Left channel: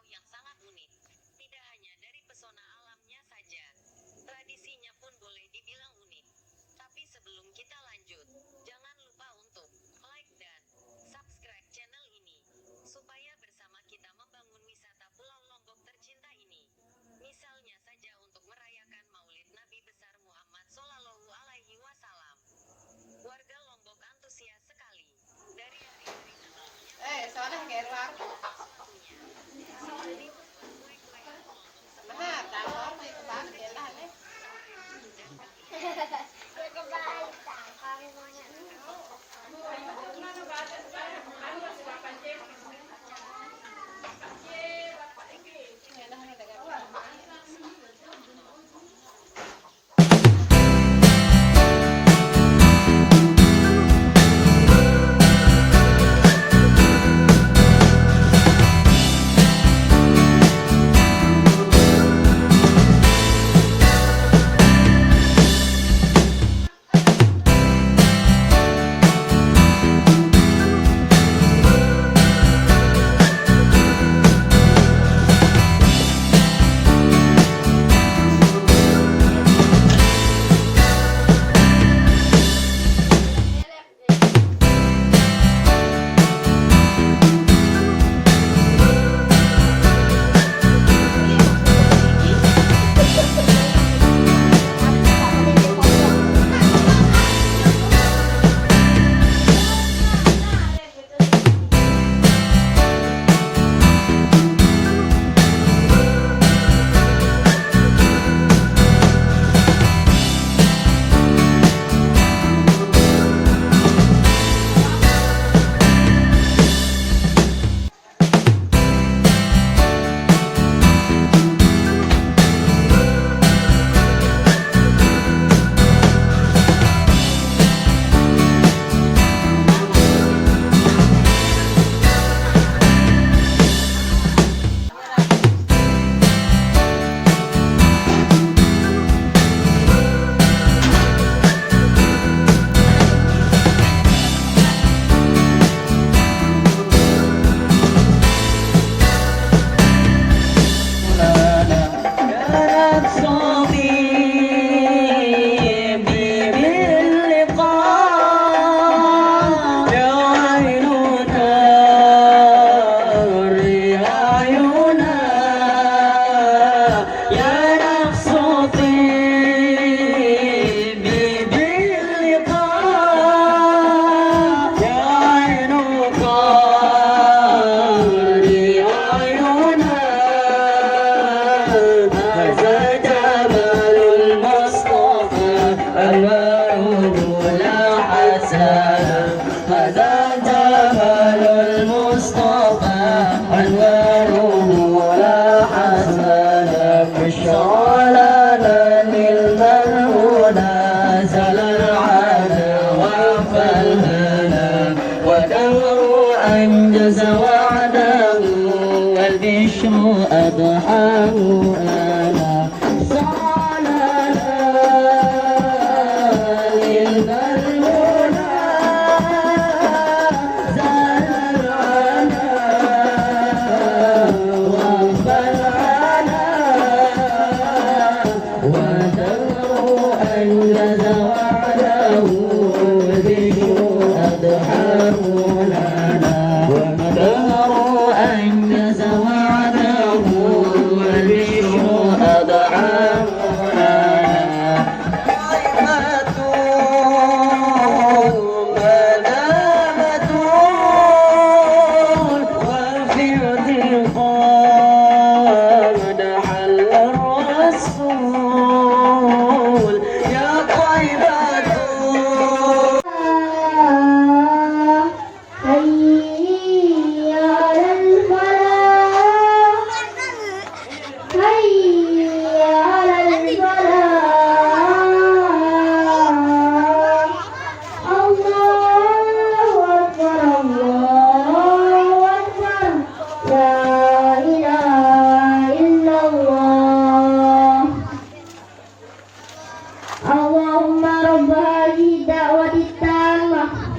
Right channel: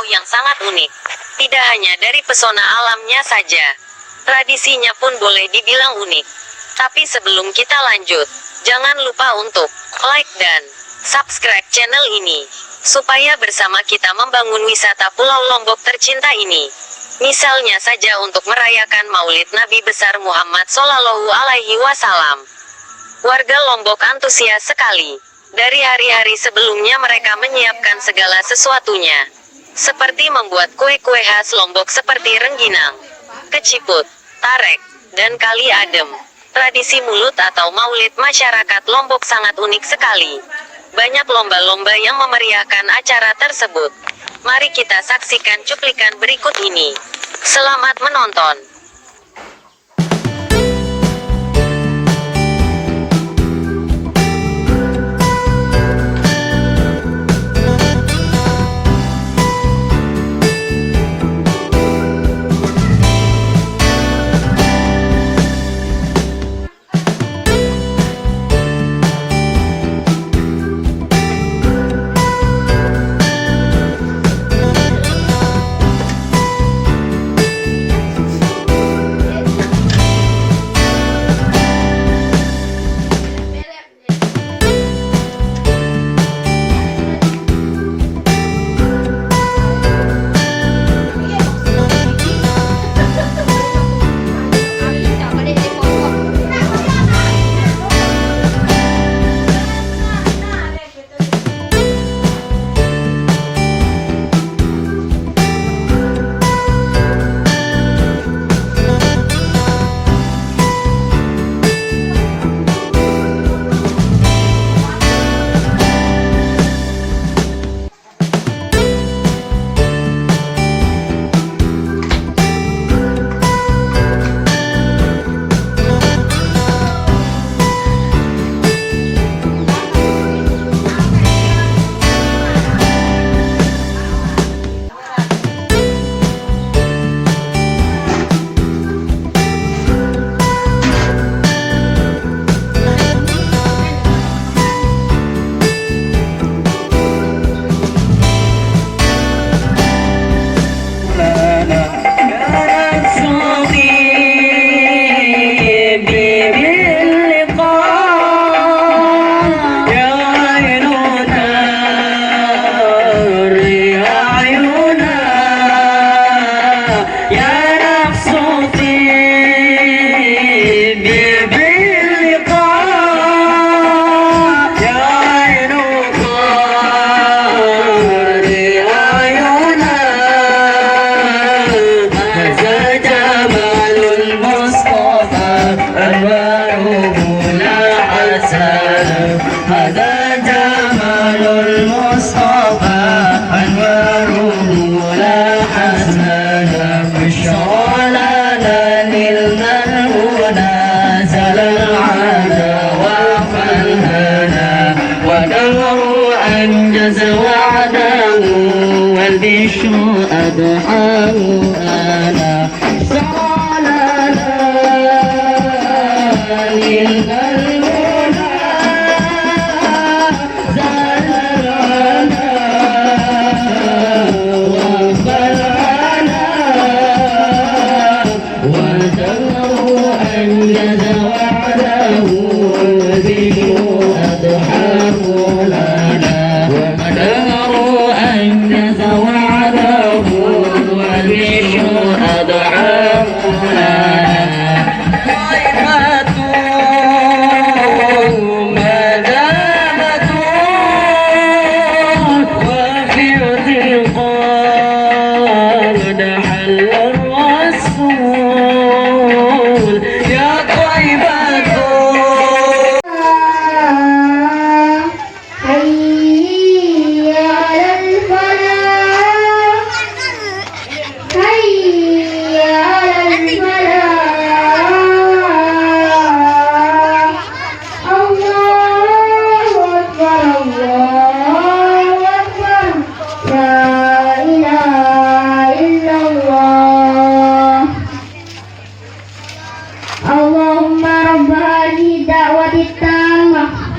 pulau yang sangat unik. Tidak hanya dari pesona alamnya saja, tradisinya pun boleh dibilang unik. Tapi sebelum kita lanjut, jangan lupa untuk like dan subscribe channel ini, supaya bersama kita membangun wisata Pulau Lombok tercinta ini. Misalnya saja untuk merayakan Maulid Nabi besar Muhammad Shallallahu Alaihi Wasallam. Warga Lombok antusias sekali. Dari hari-hari sebelumnya mereka menyiapkan segala sesuatunya, seperti membuat kue-kue khas Lombok seperti rengginang, keciput, tarek, dan kali adem. Tradisi mulut atau maulid masyarakat Lombok sangat unik sekali. Banyak lomba-lomba yang memeriahkan acara tersebut. Mari kita saksikan cuplikan berikut ini. Selamat menonton.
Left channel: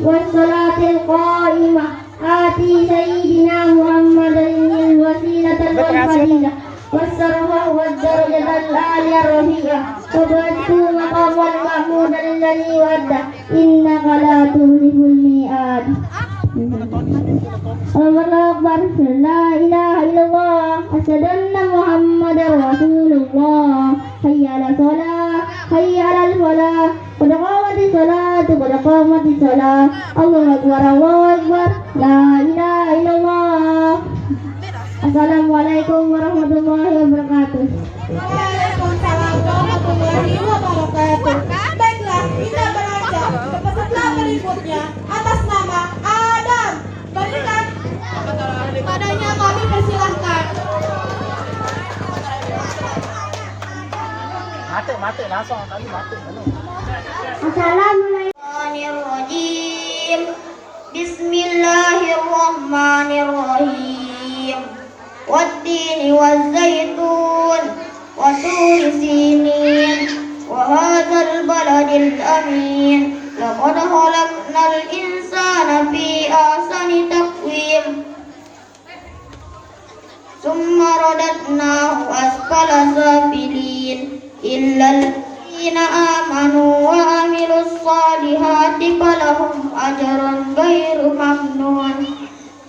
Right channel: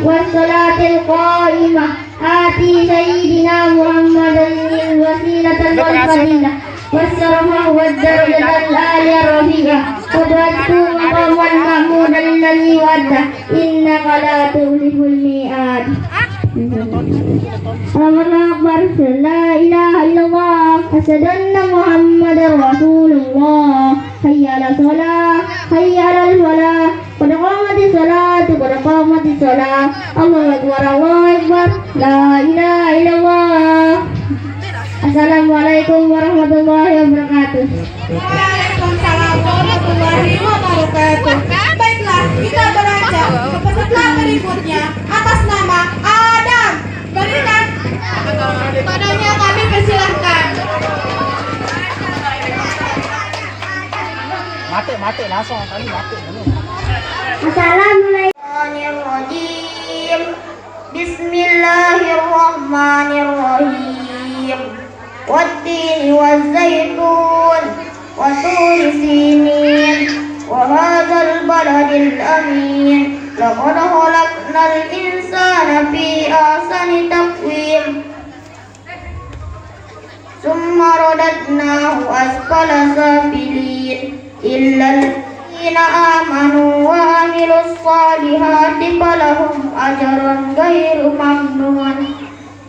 والصلاة القائمة آتي سيدنا محمدا الوسيلة والفضيلة والشرف والدرجة العالية الرفيعة وابعثه مقاما محمودا الذي وعده إنك لا تخلف الميعاد. الله أكبر لا إله إلا الله أشهد أن محمدا رسول الله حي على الصلاة حي على الفلاح قد قامت الصلاة قد قامت الصلاة الله أكبر الله أكبر لا إله إلا الله. Assalamualaikum warahmatullahi wabarakatuh. Waalaikumsalam warahmatullahi wabarakatuh. Baiklah, kita beranjak ke peserta berikutnya atas nama Adam. Berikan padanya, kami persilahkan. Mati langsung kali mati. Assalamualaikum. Bismillahirrahmanirrahim. Wattini wazzaitun wa turi sinin wa hadzal baladil amin. Laqad khalaqnal insana fi ahsani taqwim. Summa radadnahu asfala safilin illa allazina amanu wa amilus salihati falahum ajrun ghairu mamnun.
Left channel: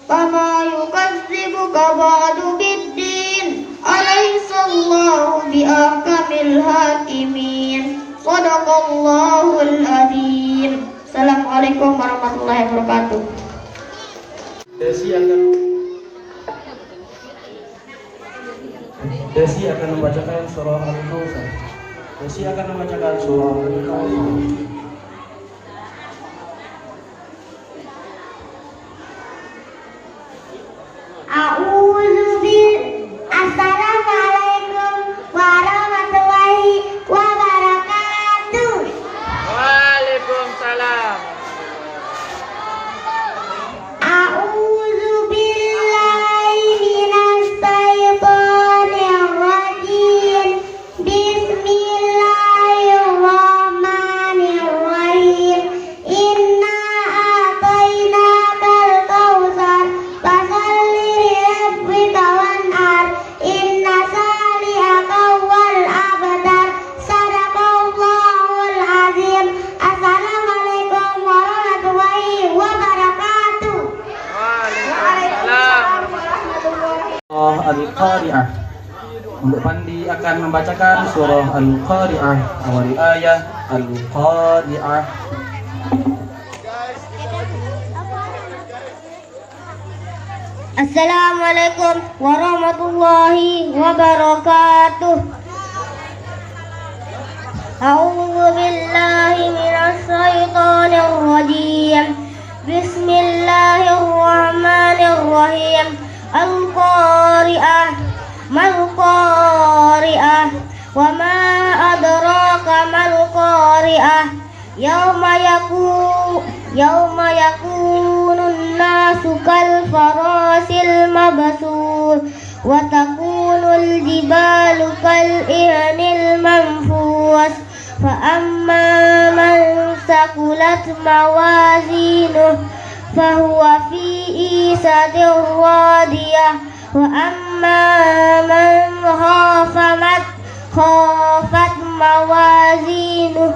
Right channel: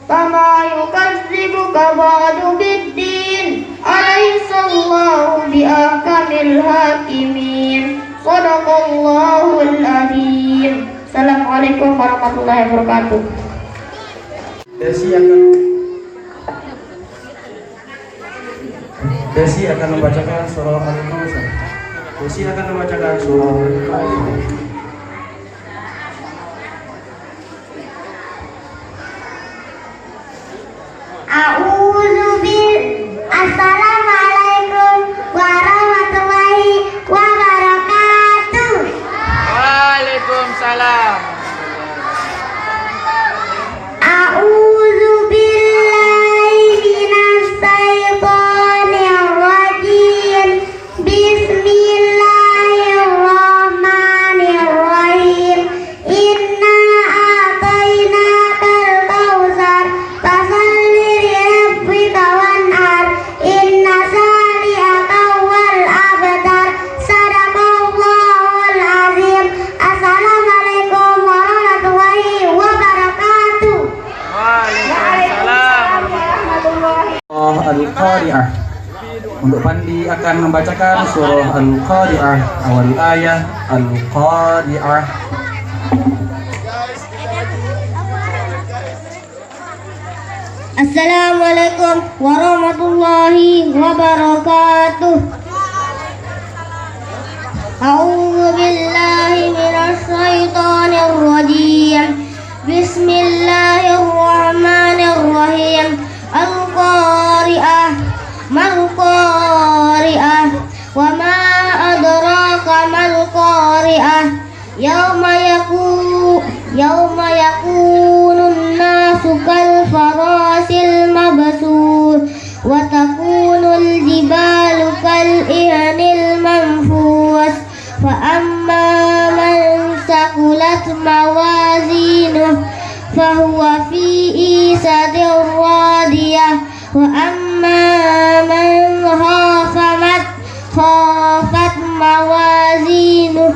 Fama yukadzibuka ba'du biddin alaysallahu biahkamil hakimin. Sadaqallahul azim. Assalamualaikum warahmatullahi wabarakatuh. Desi akan membacakan surah Al-Kautsar. Desi akan membacakan surah Al-Kautsar. Assalamualaikum warahmatullahi wabarakatuh. Waalaikumsalam. A'udzu billahi minas syaitonir rajim. Bismillahirrahmanirrahim. Inna a'tainakal kautsar fasalli lirabbika wanhar. Inna shani'aka huwal abtar. Sadaqallahul azim. Assalamualaikum warahmatullahi wabarakatuh. Waalaikumsalam warahmatullahi. Al-Qari'ah. Untuk Pandi akan membacakan surah Al-Qari'ah, awal ayat Al-Qari'ah. Assalamualaikum warahmatullahi wabarakatuh. A'udzu billahi minasy syaithanir rajim. Bismillahirrahmanirrahim. Al-Qari'ah. Mal-Qari'ah. Wa ma adraka mal-Qari'ah. Yauma yakunun nasu kal farasil mabsur wa takunul jibalu kal ihnil manfus fa amma man saqulat mawazinuh fa huwa fi isadir radiyah wa amma man khafat mawazinuh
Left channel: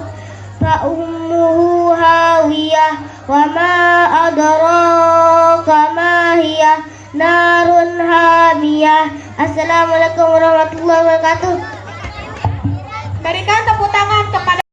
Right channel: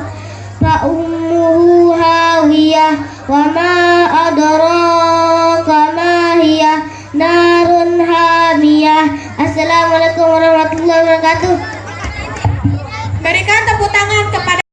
fa ummuhu hawiyah wa ma adraka ma hiya narun hamiyah. Assalamualaikum warahmatullahi wabarakatuh. Berikan tepuk tangan kepada